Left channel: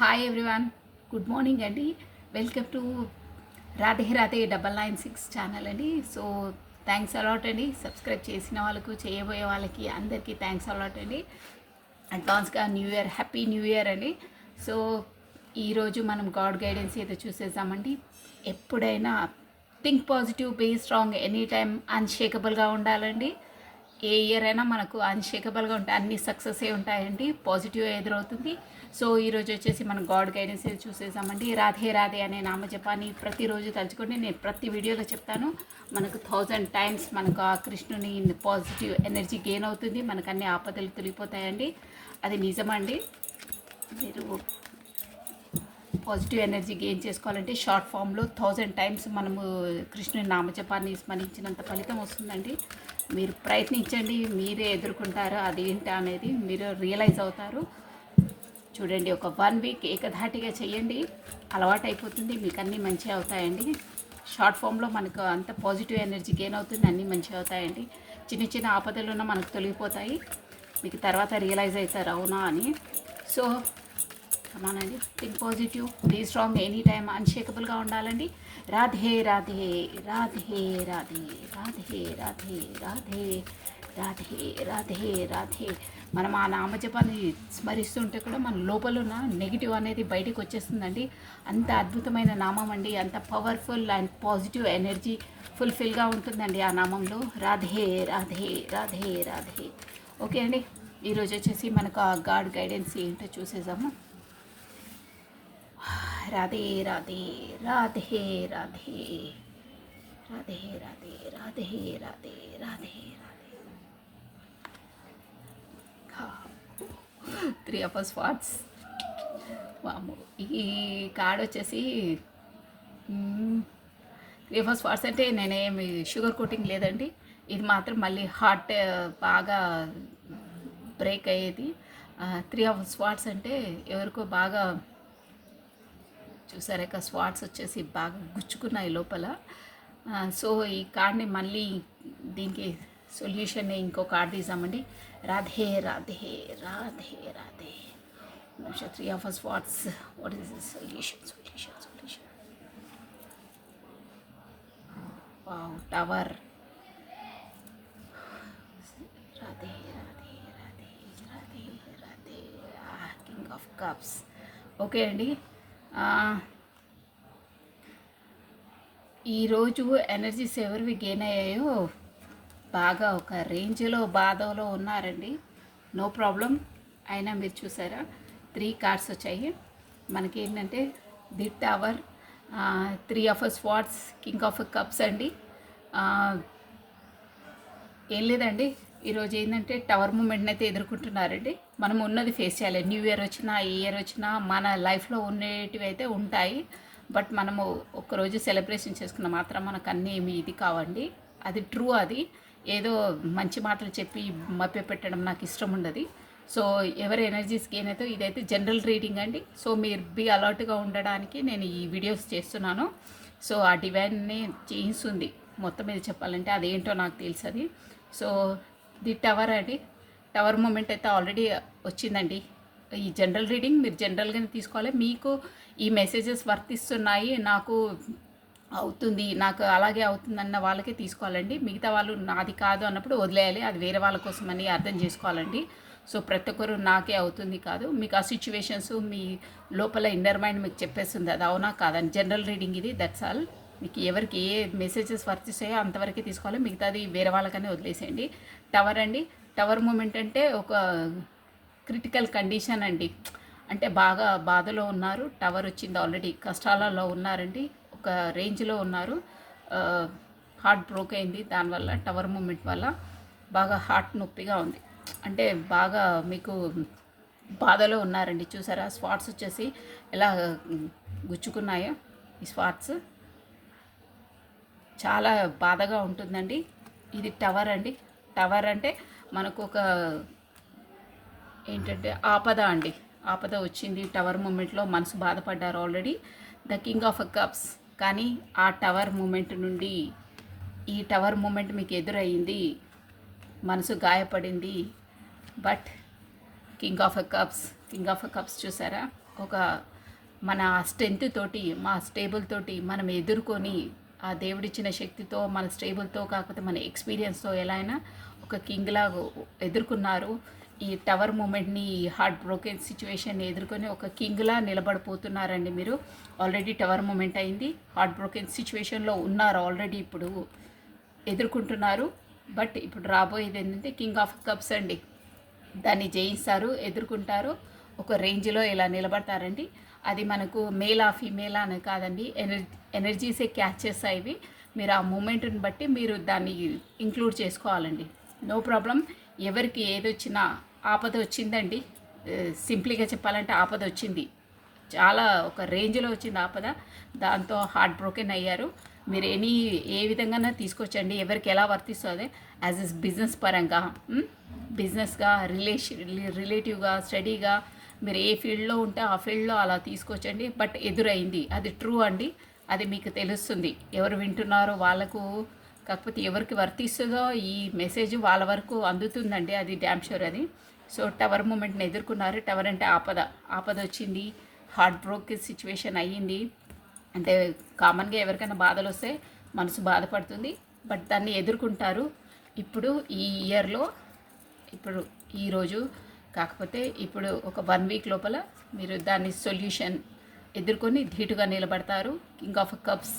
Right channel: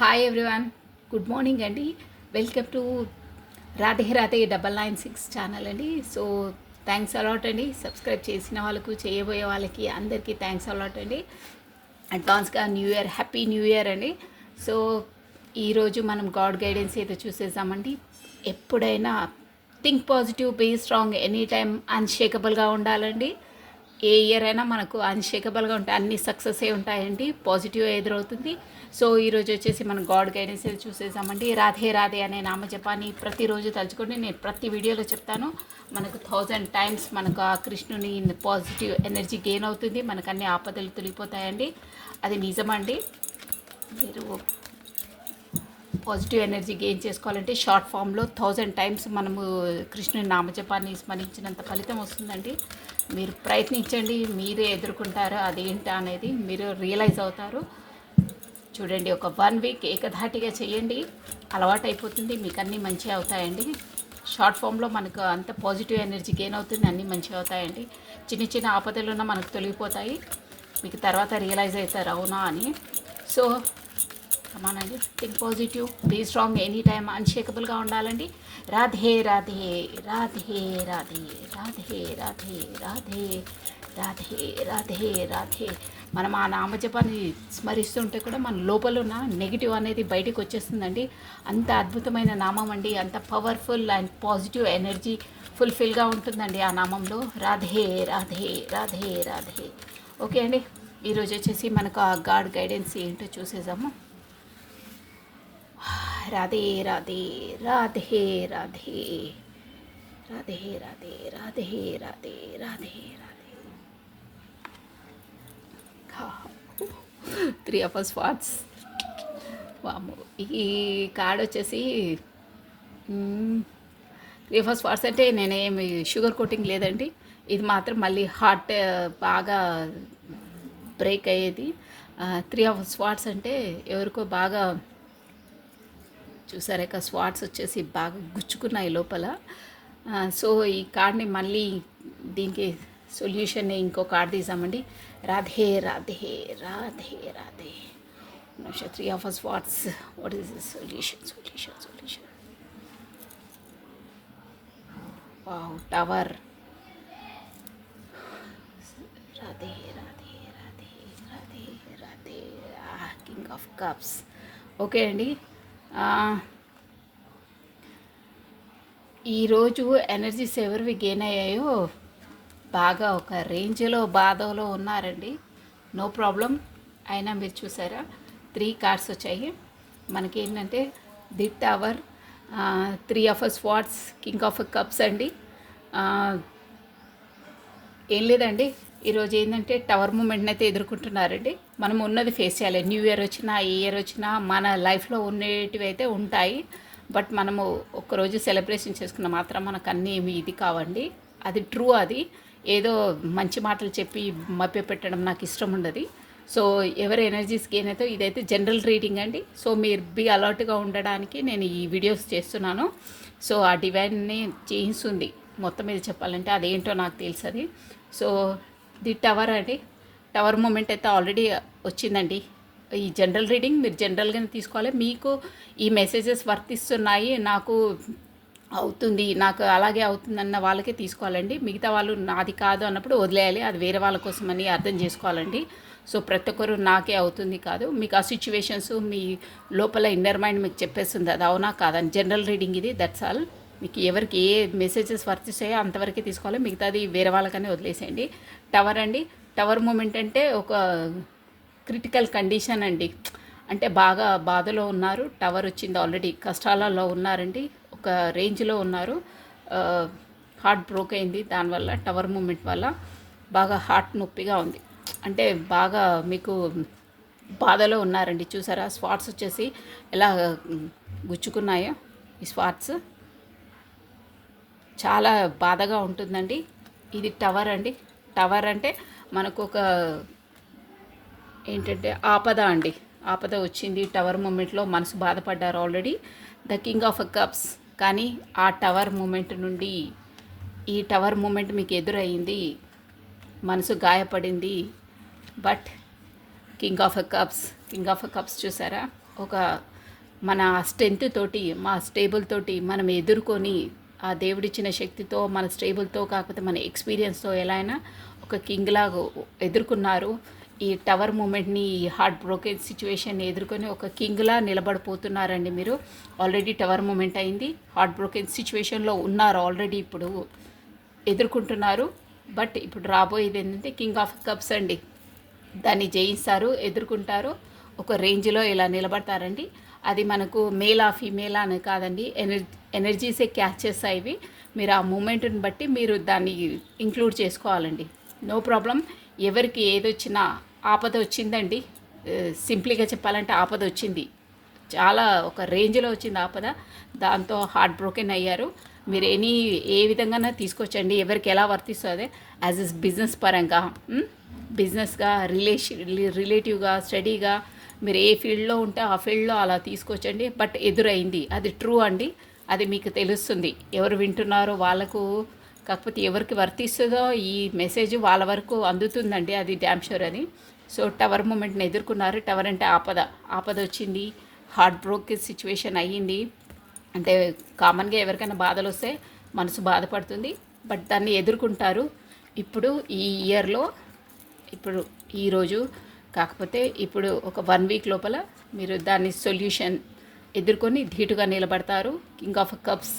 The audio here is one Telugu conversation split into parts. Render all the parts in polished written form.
హాయ్ ఎవ్రీవన్, గుడ్ మార్నింగ్ అండి. Welcome to Radhe Radhe 996 channel అండి. సో థ్యాంక్స్ అలాట్ అండి. సబ్స్క్రైబ్ చేసిన వాళ్ళకు, చేయబోయే వాళ్ళకి అందరికీ థ్యాంక్స్ అలాట్ అండి. అడ్వాన్స్గా new year, happy new year అండి. సో ఈరోజు మనం గాడ్ గైడెన్స్ అయితే చూసేసామండి. ఎప్పుడైనా think positive, be strong, any time అన్షేకబుల్గా ఉండాలండి. ఏ ఇయర్ అయినా మనకు అన్షేకబుల్గా ఉంటాయి, అన్ని సక్సెస్ ఉంటాయండి, పాజిటివ్ ఎదురవుతుంది. సో ఈరోజు వచ్చేసి మనం గాడ్ గైడెన్స్ అయితే చూసేసామండి. రాధే రాధే అనే నామజపాన్ని ప్రతిరోజు తలుచుకొని నేను ప్రతి వీడియోలో చెప్తాను. మనకు 1000 టైమ్స్ మనకు ఆ కృష్ణుని పాజిటివ్ ఎనర్జీ గెయిన్ అవుతుంది, మనకు అన్ని ఆపదలు తొలిగిపోతాయండి. అది నిజమండి. మీరు పాజిటివ్ ఎనర్జీ గెయిన్ చేసుకోవాలంటే షార్ట్ ఫామ్లో 1000 టైమ్స్ మనము కృష్ణుని నామజపాన్ని స్మరించినంత ఫలితం వస్తుందండి. మీరు ప్రయత్నించండి, మీరే ఎదుర్కొంటారు అదేంటా అనేది మీరు రియలైజ్ అవుతారు. చూడండి, ఒక 1 వీక్ ఏకధాటిగా చేయండి, అలవాటు అయిపోతుంది, మీకు అన్నీ మంచిగా అవుతాయండి. షార్ట్ ఫామ్లో మనకు అంత పాజిటివ్ ఎనర్జీ గెయిన్ అవుతుంది, అన్నీ మంచిగా అవుతాయండి. చిన్న చిన్న ఆపదలు ఉన్న మనకు తొలగిపోతాయి, మీకు తర్వాత రియలైజ్ అవుతారు అవునా అని. సో కమానండి, think positive, be strong, any time అన్షేకబుల్గా ఉండాలండి. రాధే రాధే రాధే రాధే రాధే రాధే రాధే రాధే రాధే రాధే. మనం ఆ నామజపాన్ని స్మరిస్తుంటే కూడా మన లోపల ఉన్న నెగిటివ్ అనేది బయటకు వచ్చేస్తుందండి. అంత అద్భుతమైన నామం అండి, అంత పవర్ఫుల్ అండ్ పాజిటివ్ ఎనర్జీ ఫుల్ఫిల్గా ఉంటుందండి ఆ నామంలో. రాధే రాధే రాధే రాధే. ఓకే అండి, ఈరోజు వచ్చేసి మనకు ఆ గాడ్ గైడెన్స్ ఏంటో చూసేసాము. Radhe Radhe Radhe Radhe Radhe Radhe Radhe Radhe Radhe Radhe. 3 of us spots. వాము, ఈ కార్డ్ వచ్చేసి 3 of us స్పాట్స్ అంటే నేనేమి షుగర్ కోటింగ్ లేదండి. ఇది మాత్రం మళ్ళీ హార్ట్ బాగా బ్రేక్ అయ్యేది. 3 of us స్పాట్స్ అంటే ఎవరికో బాగా చూసారా, ఇక స్వాట్స్ వచ్చేసి బాగా గుచ్చుకున్నాయి లోపల. సో ఈ కార్డ్ని మళ్ళీ దీనికి సొల్యూషన్ ఇంకో కార్డ్ తీసామండి. Radhe Radhe Radhe Radhe. 3 of us swords. What is the solution? Tower. Radhe Radhe Radhe Radhe Radhe. King of cups. Okay అండి, ఈరోజు ఎనర్జీస్ ఎవరివి గెయిన్ అయ్యాయో బాగా ఒక రేంజ్లో బాధలో ఉన్నారండి. No problem. అయినా మీరు చూసారా, 3 కార్డ్స్ వచ్చాయి మనకి. ఏంటంటే the tower, 3 of us swords, king of cups అండి. ఏం లేదండి, ఈరోజు ఏంటంటే టవర్ మూమెంట్ని అయితే ఎదుర్కొంటున్నారండి. మనం ఉన్నది ఫేస్ చేయాలి. న్యూ ఇయర్ వచ్చినా, ఏ ఇయర్ వచ్చినా మన లైఫ్లో ఉండేటివి అయితే ఉంటాయి. బట్ మనము ఒక్కరోజు సెలబ్రేషన్ చేసుకున్న మాత్రం మనకు అన్నీ ఏమి ఇది కావండి. అది ట్రూ. అది ఏదో మంచి మాటలు చెప్పి మభ్య పెట్టడం నాకు ఇష్టం ఉండదు. సో ఎవరి ఎనర్జీస్ గెయిన్ అయితే ఇదైతే జనరల్ రీడింగ్ అండి. సో మీరు బీ అలర్ట్గా ఉండడానికి నేను ఈ వీడియోస్ చేస్తున్నాను. సో ఆ డివైన్ని చేయిస్తుంది మొత్తం మీద చెప్పాలంటే, అదేంటో నాకు తెలుసు. సో ది టవర్ అండి, టవర్ మూమెంట్ అయితే ఆల్రెడీ వచ్చిందండి. ఈ జనరల్ రీడింగ్ మీరు జనరల్గానే తీసుకోవాలి. మీకు ఈ మెసేజెస్ వర్తిస్తున్నాయి, నాకు అవుతుంది, నాకు అలాగే అవుతుందన్న వాళ్ళకే తీసుకోవాలండి. మిగతా వాళ్ళు నాది కాదు అన్నప్పుడు వదిలేయాలి, అది వేరే వాళ్ళ కోసమని అర్థం చేసుకోవాలండి. సో ప్రతి ఒక్కరు నాకే అవుతుంది కాదు, మీకు ఆ సిచ్యువేషన్స్ మీ లోపల ఇన్నర్ మైండ్ మీకు చెప్పేస్తుంది అది అవునా కాదని. జనరల్ రీడింగ్ ఇది, దట్స్ ఆల్. మీకు ఎవరికి ఏ మెసేజెస్ వర్తిస్తాయో అంతవరకే తీసుకోవాలి, మిగతాది వేరే వాళ్ళకనే వదిలేసేయండి. టవర్ అండి, టవర్ మూమెంట్ అంటే ఒక క్రిటికల్ కండిషన్ అండి. అంటే బాగా బాధలో ఉన్నారు, టవర్ వచ్చింది, ఆల్రెడీ కష్టాలలో ఉన్నారండి, ఒక రేంజ్లో ఉన్నారు. హార్ట్ బ్రోక్ అయింది దానివల్ల, టవర్ మూమెంట్ వల్ల బాగా హార్ట్ నొప్పిగా ఉంది. అంటే బాగా మీకు బాధలో ఉన్నారండి. చూసారా స్పాట్స్ వచ్చేసి ఎలా గుచ్చుకున్నాయో. ఈ స్పాట్స్ చాలా బాధగా ఉంటుందండి. ఇది టవర్ అండి. టవర్ అంటే మనకు ఒక ఏంటంటే ఆపద అండి, ఆపద వచ్చింది. టవర్ మూమెంట్లో మనసు బాధపడ్డారు already. The king of cups. కానీ ఆ టవర్ మూమెంట్ నుండి ఈ టవర్ మూమెంట్ మీకు ఎదురయ్యింది, మనసు గాయపడింది. బట్ కింగ్ ఆఫ్ కప్స్ చూసారా, ఒక మన స్ట్రెంత్ తోటి మా స్టేబుల్ తోటి మనం ఎదుర్కొని ఆ దేవుడిచ్చిన శక్తితో మన స్టేబుల్తో కాకపోతే మన ఎక్స్పీరియన్స్తో ఎలా అయినా ఒక కింగ్ లాగా ఎదుర్కొన్నారు. ఈ టవర్ మూమెంట్ని, ఈ హార్ట్ బ్రోకెన్ సిచ్యువేషన్ని ఎదుర్కొని ఒక కింగ్లా నిలబడిపోతున్నారండి. మీరు ఆల్రెడీ టవర్ మూమెంట్ అయింది, హార్ట్ బ్రోకెన్ సిచ్యువేషన్లో ఉన్నారు ఆల్రెడీ, ఇప్పుడు ఎదుర్కొంటున్నారు. బట్ ఇప్పుడు రాబోయేది ఏంటంటే కింగ్ ఆఫ్ కప్స్ అండి. దాన్ని జయిస్తారు, ఎదుర్కొంటారు, ఒక రేంజ్లో ఇలా నిలబడతారండి. అది మనకు మేలా ఫీమేలా అని కాదండి, ఎనర్జీసే క్యాచ్ చేస్తాయి ఇవి. మీరు ఆ మూమెంట్ని బట్టి మీరు దాన్ని ఇంక్లూడ్ చేసుకోవాలండి. No problem. ఎవరికి ఏదొచ్చినా ఆపద వచ్చిందండి, సింప్లీగా చెప్పాలంటే ఆపద వచ్చింది, చాలా ఒక రేంజ్లో వచ్చింది ఆపద. దాంతో హార్ట్ బ్రోకెన్ అయ్యారు. మీరు ఏ విధంగా తీసుకొచ్చండి, ఎవరికి ఎలా వర్తిస్తుంది యాజ్ ఎస్ బిజినెస్ పరంగా, బిజినెస్గా, రిలేటివ్గా, స్టడీగా, మీరు ఏ ఫీల్డ్లో ఉంటే ఆ ఫీల్డ్లో అలా తీసుకొచ్చండి. బట్ ఎదురైంది, అది ట్రూ అండి, అది మీకు తెలుస్తుంది. ఎవరు వింటున్నారో వాళ్ళకు, కాకపోతే ఎవరికి వర్తిస్తుందో ఈ మెసేజ్ వాళ్ళ వరకు అందుతుందండి, అది డ్యామ్ షూర్ అది. సో టవర్ మూమెంట్ని ఎదుర్కొన్నారు. టవర్ అంటే ఆపద వచ్చింది, హార్ట్ బ్రోక్ సిచ్యువేషన్ అయ్యింది. అంటే కామన్గా ఎవరికైనా బాధలు వస్తే మనసు బాధపడుతుంది, బట్ దాన్ని ఎదుర్కొంటారు. ఇప్పుడు ఈ ఇయర్లో, ఇప్పుడు ఈరోజు కాకపోతే ఇప్పుడు ఒక 1 వీక్ లోపల మీరు దాన్ని సొల్యూషన్ ఎదుర్కొని ధీటుగా నిలబడతారు. కింగ్ ఆఫ్ కప్స్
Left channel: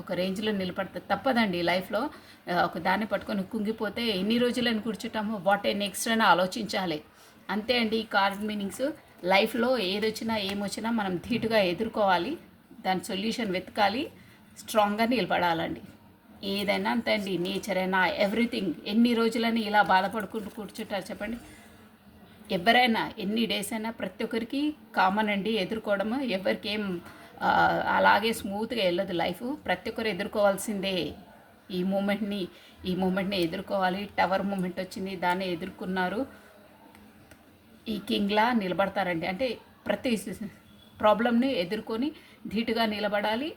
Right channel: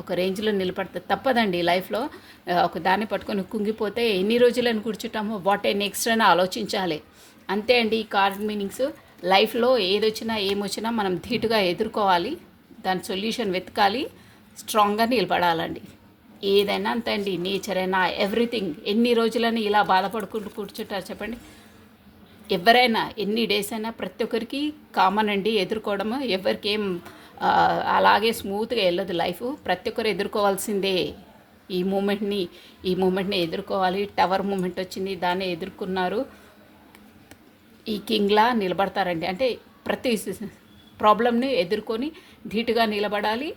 ఒక రేంజ్లో నిలబడతారు. తప్పదండి లైఫ్లో. ఒక దాన్ని పట్టుకొని కుంగిపోతే ఎన్ని రోజులని కూర్చుంటామో, వాట్ ఏ నెక్స్ట్ అని ఆలోచించాలి. అంతే అండి ఈ కార్డ్ మీనింగ్స్. లైఫ్లో ఏదొచ్చినా ఏమొచ్చినా మనం ధీటుగా ఎదుర్కోవాలి, దాని సొల్యూషన్ వెతకాలి, స్ట్రాంగ్గా నిలబడాలండి. ఏదైనా అంతే అండి, నేచర్ అయినా ఎవ్రీథింగ్. ఎన్ని రోజులని ఇలా బాధపడుకుంటూ కూర్చుంటారు చెప్పండి? ఎవరైనా ఎన్ని డేస్ అయినా ప్రతి ఒక్కరికి కామన్ అండి ఎదుర్కోవడము. ఎవరికి ఏం అలాగే స్మూత్గా వెళ్ళదు లైఫ్. ప్రతి ఒక్కరు ఎదుర్కోవాల్సిందే ఈ మూమెంట్ని ఎదుర్కోవాలి. టవర్ మూమెంట్ వచ్చింది, దాన్ని ఎదుర్కొన్నారు. ఈ కింగ్లా నిలబడతారండి. అంటే ప్రతి ప్రాబ్లమ్ని ఎదుర్కొని ధీటుగా నిలబడాలి,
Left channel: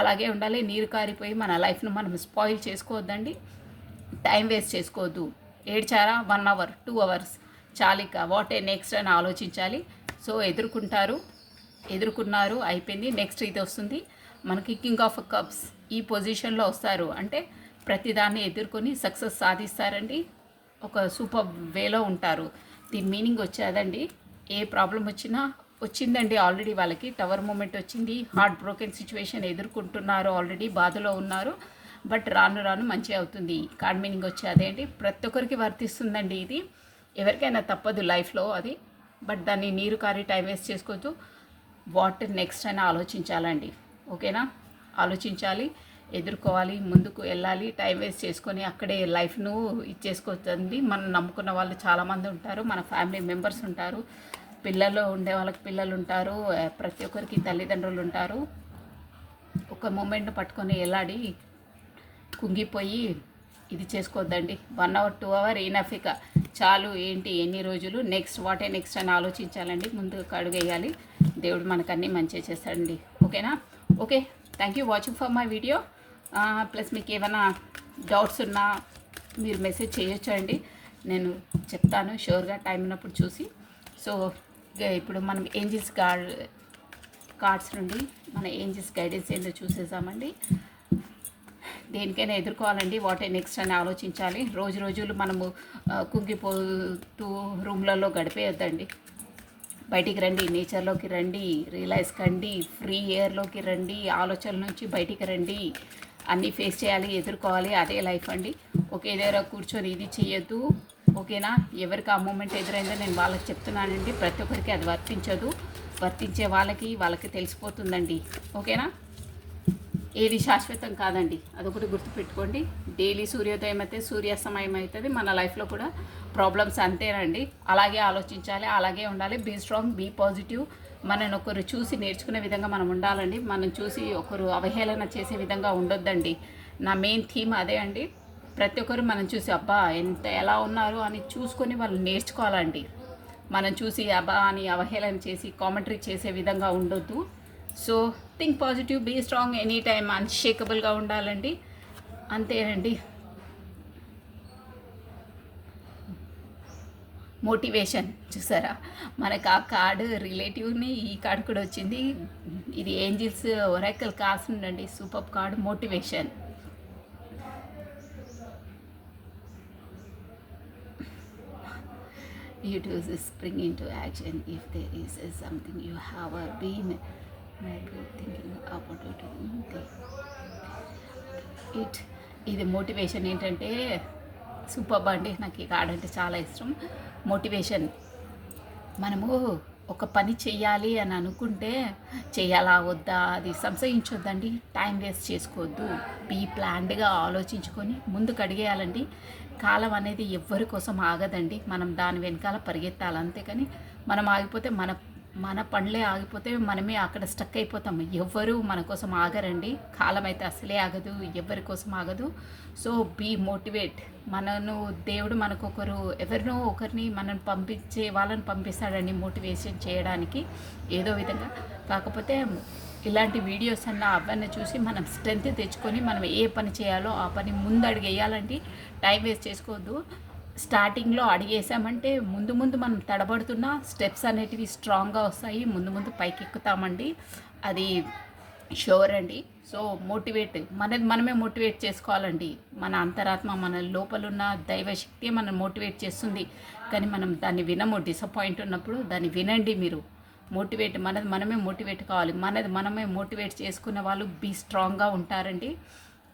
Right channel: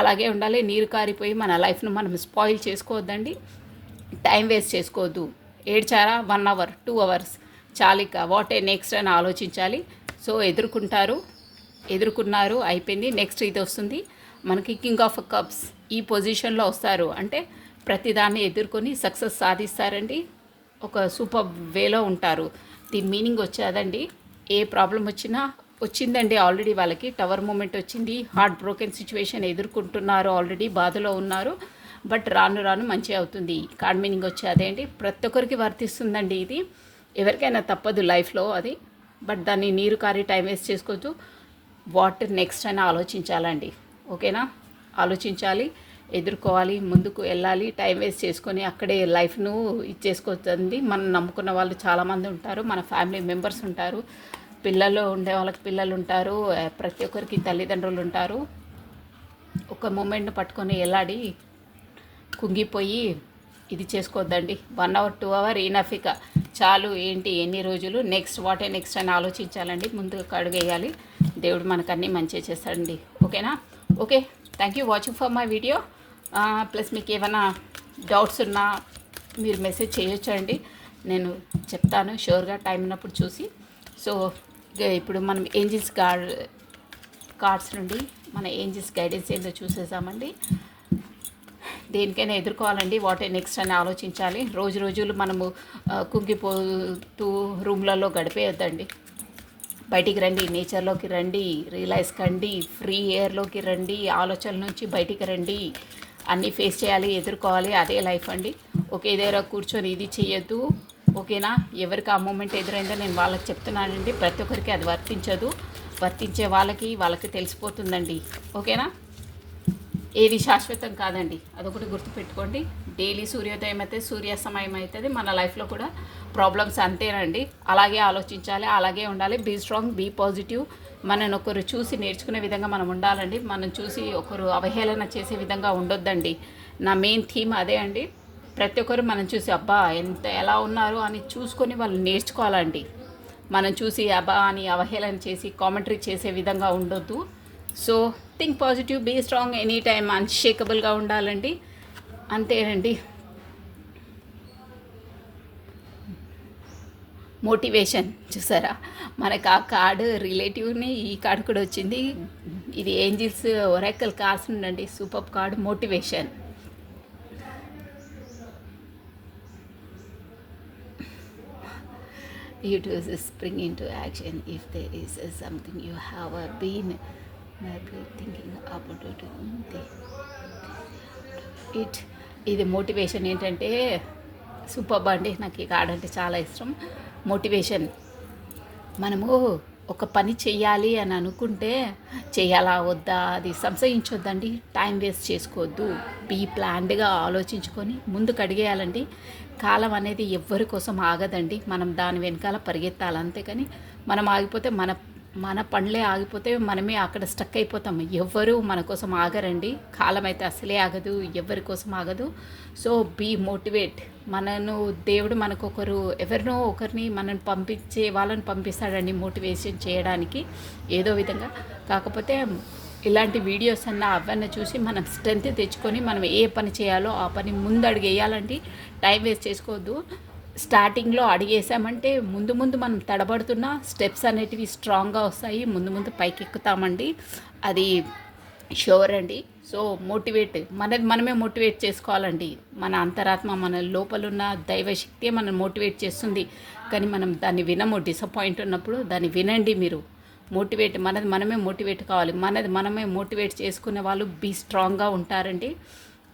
అలాగే ఉండాలి. నీరు కారిపోయి మన లైఫ్ను మనం స్పాయిల్ చేసుకోవద్దండి, టైం వేస్ట్ చేసుకోవద్దు. ఏడ్చారా 1 అవర్ 2 అవర్స్ చాలిక, వాట్ ఏ నెక్స్ట్ అని ఆలోచించాలి. సో ఎదుర్కొన్నారు, అయిపోయింది. నెక్స్ట్ ఇది వస్తుంది మనకి కింగ్ ఆఫ్ కప్స్. ఈ పొజిషన్లో వస్తారు అంటే ప్రతిదాన్ని ఎదుర్కొని సక్సెస్ సాధిస్తారండి, ఒక సూపర్ వేలో ఉంటారు. దీని మీనింగ్ వచ్చేదండి, ఏ ప్రాబ్లం వచ్చిందండి ఆల్రెడీ వాళ్ళకి. టవర్ మూమెంట్ వచ్చింది, హార్ట్ బ్రోకెన్ సిచ్యువేషన్ ఎదుర్కొంటున్నారు, ఆల్రెడీ బాధలో ఉన్నారు. బట్ రాను రాను మంచి అవుతుంది. కార్డ్ మీనింగ్ వచ్చేదేంటి, ప్రతి ఒక్కరికి వర్తిస్తుందండి ఇది. ఎవరికైనా తప్పదు లైఫ్లో అది, బట్ దాన్ని నీరు కారి టైం వేస్ట్ చేసుకోవచ్చు. వాట్ నెక్స్ట్ అని ఆలోచించాలండి. ఓకేనా? ఆలోచించాలి, ఎదుర్కోవాలి, ముందుకు వెళ్ళాలి. టైం వేస్ట్ చేసుకొని అక్కడే లైఫ్ను ఇచ్చేసుకోతుంది. మనం నమ్ముకున్న వాళ్ళు చాలామంది ఉంటారు, మన ఫ్యామిలీ మెంబర్స్ ఉంటారు, పిల్లలు ఉండే వాళ్ళకి పిల్లలు ఉంటారు, ప్రతి ఒక్కరికి తల్లిదండ్రులు ఉంటారు. ఒక మూమెంట్ని పట్టుకొని వెళ్ళాడి కుంగిపోయి ఇది చేసుకోవద్దండి. 1 అవర్ 2 అవర్ ఈనఫిక చాలు. ఏంటి ఎన్ని రోజులు, నెక్స్ట్ వాట్ ఏ నెక్స్ట్ అని ఆలోచించాలండి. ముందుకు అడుగేయాలి, దేవుడు మనకన్నీ మంచిగా చేస్తాడండి. ఓకేనా? Okay, thank you watching for my video. Plus మీకు ఏమైనా డౌట్స్ ఉన్నా మీరు మెసేజ్ చేయొచ్చండి, నేను చెప్తాను షూర్గా టైం ఉన్నప్పుడు చూసి. సో ఇప్పుడు మనం ఏంజిల్స్ కార్డ్స్ నుండి మన ఏంజిల్స్ గైడెన్స్ ఏందో చూసేసామండి. దేనికైనా ఎదుర్కోవాలండి, వాట్ ఏ నెక్స్ట్ అని ఆలోచించాలి. రోజులు మనము కుంగిపోతూ రూమ్లలో గడిపేయొద్దండి. బయటికి రండి, నేచర్లోకి రండి, రియలైజ్ కండి, ఫ్రీ ఎయిర్లోకి రండి, ఆలోచనల నుంచి బయటికి రండి. అన్నీ ఫేస్ చేయాలి, ఎదుర్కోవాలి, అదే లైఫ్ అండి. ఒకే దగ్గర కూర్చొని ఇది చేయొద్దు. ఓకేనా? ఎవరికి ఆ మూమెంట్ ఎదురైందో నేను వాళ్ళకి చెప్తున్నానండి. ప్రతి ఒక్కరికి అది వర్తించదు, వర్తించే వాళ్ళకి తెలిసిపోతుందండి. ఓకేనా? ఏది శాశ్వతం కాదండి, అదొకటి గుర్తుపెట్టుకోండి. డైలీ సూర్యోదయం అయితే సూర్యాస్తమయం అవుతుంది. మన లైఫ్లో కూడా ప్రాబ్లమ్స్ అంతేనండి. అలాగే ఆలోచించాలి, అలాగే ఉండాలి. Be strong, be positive. మనని ఒకరు చూసి నేర్చుకునే విధంగా మనం ఉండాలండి. మనం చూసి ఒకరు అవహేళన చేసే విధంగా ఉండొద్దండి. నా మెయిన్ థీమ్ అదే అండి. ప్రతి ఒక్కరు మనం చూసి అబ్బా ఎలా ఉన్నారు అని చూసుకొని వాళ్ళు నేర్చుకోవాలండి. మనం చూసి అబ్బా అని అవహేళన చేసి కామెంటరీ చేసే విధంగా ఉండొద్దు. So think positive, be strong, any time అన్షేకబుల్గా ఉండాలండి. అంతేనండి. మోటివేషన్ చూసారా, మనకు ఆ కార్డు రిలేటివ్ని ఈ కార్డు కూడా వచ్చింది. ఇది ఏంజిల్స్ ఒరాకల్ కార్డ్స్ ఉండండి, super card motivation. You do spring into action if there is something you have been maybe thinking about it. ఇది మోటివేషన్ ఏంటంటే సూపర్ అండి, నాకు ఈ కార్డ్ అంటే చాలా ఇష్టం. మోటివేషన్, మనము ఒక పని చెయ్యాలి అని అనుకుంటే చేయాలా వద్దా అది సంశయించొద్దండి, టైం వేస్ట్ చేసుకోవద్దు, బీ ప్లాన్డ్గా ఆలోచించుకొని ముందుకు అడిగేయాలండి. కాలం అనేది ఎవ్వరి కోసం ఆగదండి, మనం దాని వెనకాల పరిగెత్తాలి అంతేకాని మనం ఆగిపోతే మన మన పనులే ఆగిపోతే మనమే అక్కడ స్టక్ అయిపోతాం. ఎవ్వరూ మన కోసం ఆగరండి, కాలం అయితే అసలే ఆగదు, ఎవరి కోసం ఆగదు. So be motivate. దేవుడు మనకొకరు ఎవరినో ఒకరిని మనం పంపించే వాళ్ళని పంపిస్తాడండి మోటివేషన్ చేయడానికి ఏదో విధంగా. కాకపోతే ఇలాంటి వీడియోస్ అవన్నీ చూసి మనం స్ట్రెంత్ తెచ్చుకొని మనం ఏ పని చేయాలో ఆ పని ముందు అడిగేయాలండి, టైం వేస్ట్ చేసుకోవద్దు. స్టార్టింగ్లో అడిగేసామంటే ముందు ముందు మనం తడబడుతున్న స్టెప్స్ అనేటివి స్ట్రాంగ్గా వస్తాయి, ముందు ముందు పైకి ఎక్కుతామండి, అది షూర్ అండి. సో మోటివేట్, మనమే మోటివేట్ చేసుకోవాలండి. మన అంతరాత్మ, మన లోపలున్న దైవశక్తి మనం మోటివేట్ చేస్తుంది, కానీ మనం దాన్ని వినము. డిసప్పాయింట్ ఉన్నప్పుడు దాన్ని వినండి మీరు. మోటివేట్, మనమే మోటివేట్ కావాలి. మనమే మోటివేట్ చేసుకునే వాళ్ళు బీ స్ట్రాంగ్గా ఉంటారండి,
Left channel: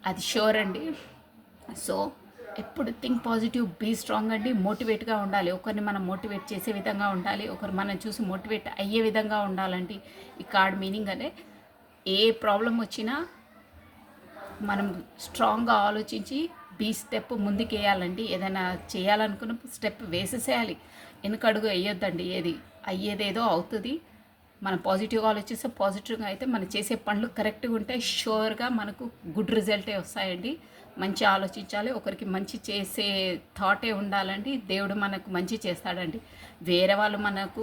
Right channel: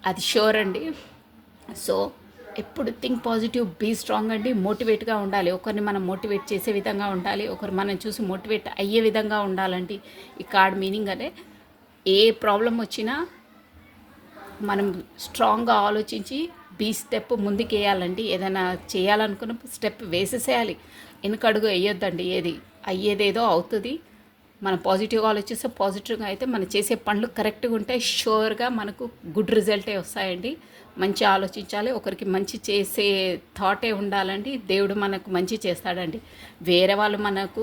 అది షూర్ అండి. సో ఎప్పుడు థింక్ పాజిటివ్, బీ స్ట్రాంగ్ అండి, మోటివేట్గా ఉండాలి. ఒకరిని మనం మోటివేట్ చేసే విధంగా ఉండాలి, ఒకరు మనం చూసి మోటివేట్ అయ్యే విధంగా ఉండాలండి. ఈ కార్డ్ మీనింగ్ అనే ఏ ప్రాబ్లం వచ్చినా మనం స్ట్రాంగ్గా ఆలోచించి బీ స్టెప్ ముందుకేయాలండి. ఏదైనా చేయాలనుకున్నప్పుడు స్టెప్ వేసేసేయాలి, వెనుకడుగు వేయొద్దండి. అయ్యేదేదో అవుతుంది. మనం పాజిటివ్గా ఆలోచిస్తే పాజిటివ్గా అయితే మనం చేసే పనులు కరెక్ట్గా ఉంటే షూర్గా మనకు గుడ్ రిజల్టే వస్తాయండి. మంచి ఆలోచించాలి, ఒకరికి మంచి చేసే థాటే ఉండాలండి. దేవుడు మనకు మంచి చేస్తాడండి. వేరే వాళ్ళు మనకు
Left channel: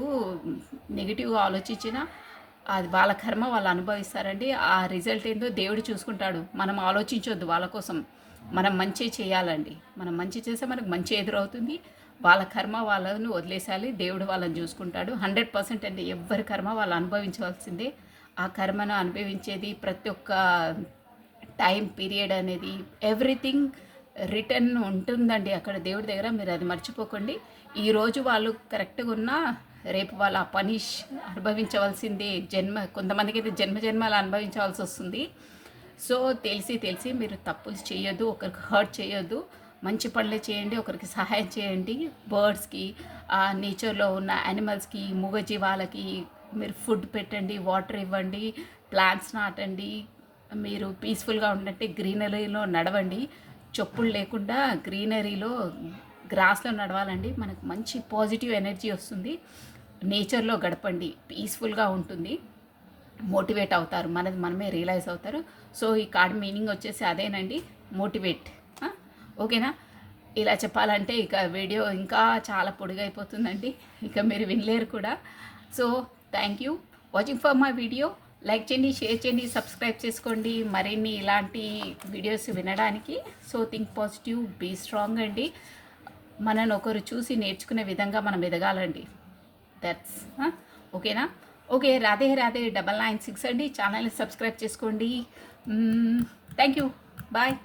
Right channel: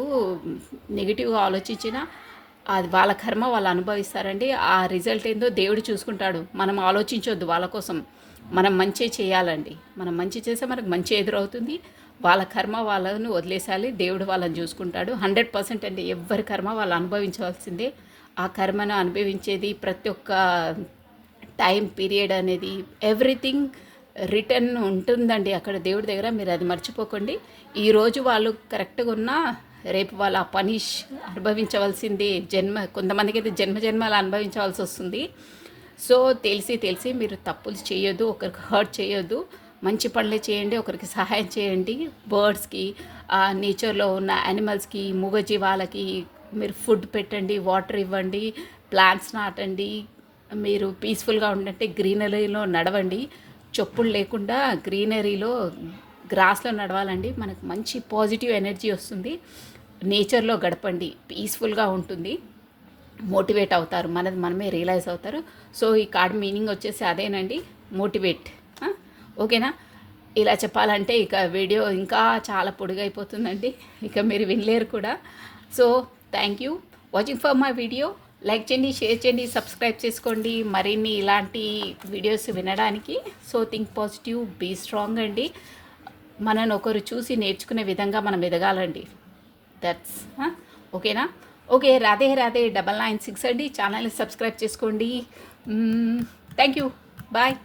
నెగిటివ్గా ఆలోచించినా అది వాళ్ళ కర్మ వాళ్ళు అనుభవిస్తారండి. ఆ రిజల్ట్ ఏందో దేవుడు చూసుకుంటాడు. మనం ఆలోచించొద్దు వాళ్ళ కోసం, మనం మంచి చేయాలండి. మనం మంచి చేస్తే మనకు మంచి ఎదురవుతుంది. వాళ్ళ కర్మ వాళ్ళని వదిలేసాలి, దేవుడు వాళ్ళని చూసుకుంటాడు. 100% అండి, ఎవరి కర్మ వాళ్ళు అనుభవించవలసిందే. ఆ కర్మను అనుభవించేది ప్రతి ఒక్క టైం పీరియడ్ అనేది ఎవ్రీథింగ్ రిటర్న్ ఉంటుందండి అక్కడ దేవుడి దగ్గర, మీరు అది మర్చిపోకండి. ఈరోజు వాళ్ళు కరెక్ట్గా ఉన్నా రేపు వాళ్ళు ఆ పనిష్ అనుభవించవలసిందే. కొంతమందికి అయితే జన్మలు అనుభవించవలసి వస్తుంది. సో తెలిసి మీరు తప్పులు చేయొద్దు, ఒకరికి హర్ట్ చేయొద్దు, మంచి పనులే చేయండి, ఒకరికి సహాయం చేయండి. బర్డ్స్కి, నేచర్లో ఉన్న యానిమల్స్కి, మూగజీవాలకి మీరు ఫుడ్ పెట్టండి, వాటర్ ఇవ్వండి, ప్లాంట్స్ నాటండి. మీరు పీస్ఫుల్గా ఉండంటే గ్రీనరీలో నడవండి, చెప్పులు లేకుండా గ్రీనరీలో గ్రాస్లో నడవాలండి. మనకు మంచి పాజిటివ్ ఎనర్జీ వస్తుంది. నేచర్లో గడపండి, పీస్ఫుల్గా ఉంటుంది, మోటివేట్ అవుతారు, మనమే రియలైజ్ అవుతారు. సో ఈ కార్డ్ మీనింగ్ వచ్చేసి అదేనండి, మోటివేట్. ఓకేనా? ఇలా చెప్పాలంటే ఇక వీడియో ఇంకా చాలా పొడుగైపోతుందండి, ఇక మీరు వినలేరు కూడా. So thank you watching for my video. Like చేయండి, షేర్ చేయండి, సబ్స్క్రైబ్ చేసుకోండి మరిన్ని ఇలాంటి వీడియోస్ వినడానికి. So think positive, be strong అండి. మనని ఒకరు చూసి నేర్చుకునే విధంగా మనం ఎదగాలండి. దట్స్ ఓకేనా? ఓకే, రాధే 996 అండి. ఛానల్ని సబ్స్క్రైబ్ చేసుకోండి. Thank you, bye.